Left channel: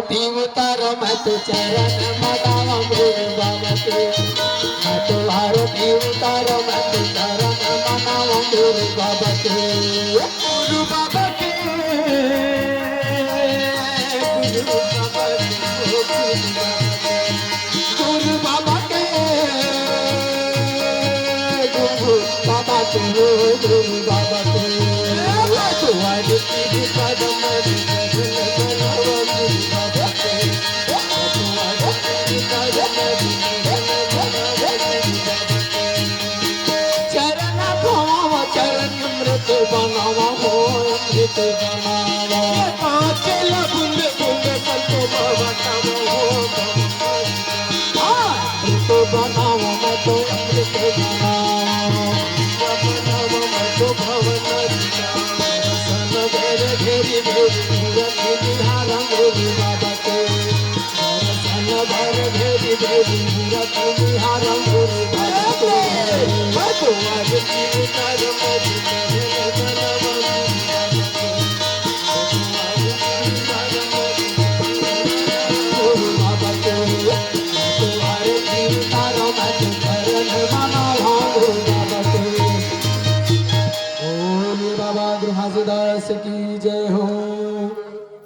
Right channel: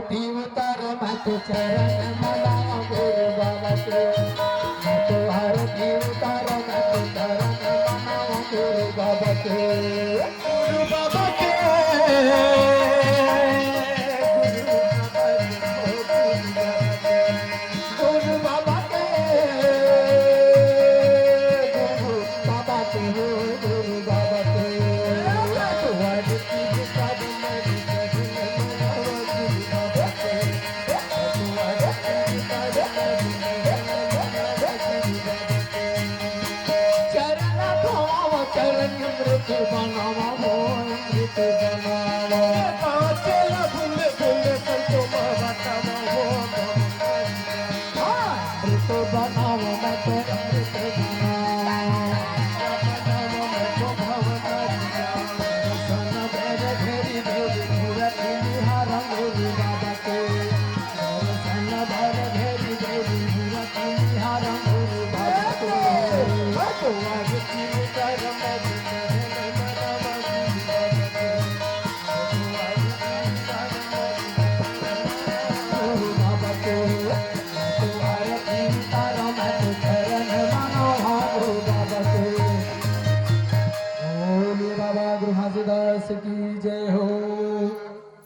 आरती उतारो मैं तो चरण मनावा गुरु बाबा के मैं तो आरती उतारो मैं तो चरण मनावा गुरु बाबा के गुरु बाबा के गुरु बाबा के गुरु बाबा के गुरु बाबा के गुरु बाबा के तुम्हारी की पदम बनावा मोहित बनावा ये पांचे लबुन बुन संतो बाबा तबो तो बनावा मैं तो अमृत बनावा बनावा मैं तो भवन सन घेरे घेरी घेरी मूरत निहारा गोरी बाबा के सन भर घेरी घेरी मूरत निहारा गोरी बाबा के मैं तो आज की कर्म Mama